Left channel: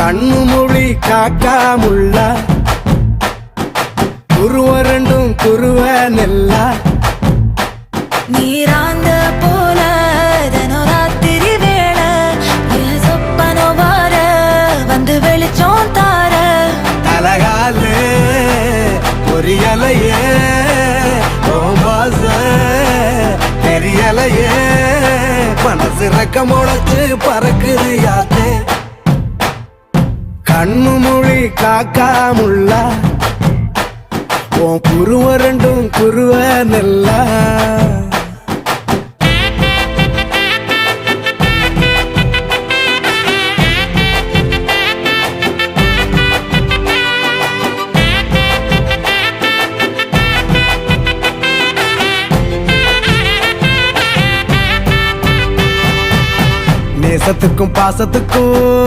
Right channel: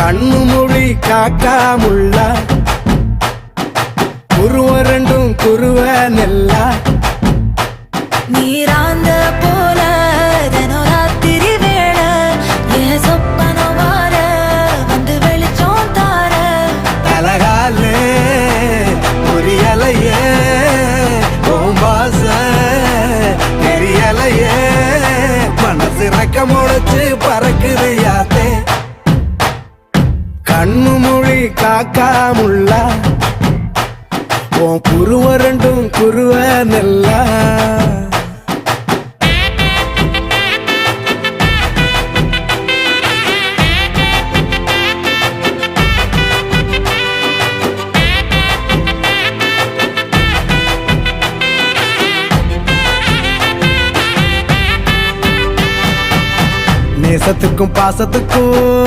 கண்ணு மொழி காக்காமுள்ள குருவ ரெண்டும் குருவ நெல்லா நீராங்க போல தினராத்திரி வேளை என் சொப்பனம் மாற வந்து வெளிச்சம் தார தலகாலே பொரியலையே ஓம்பாச பெரியலையே மனசு ரக்க முளைச்சு பறக்குதையாத்தே கண்ணு மொழி காக்காமுள்ள உன் குருவ ரெண்டும் குருவ நெல்லா நேசத்துக்கும் பாசத்துக்கும்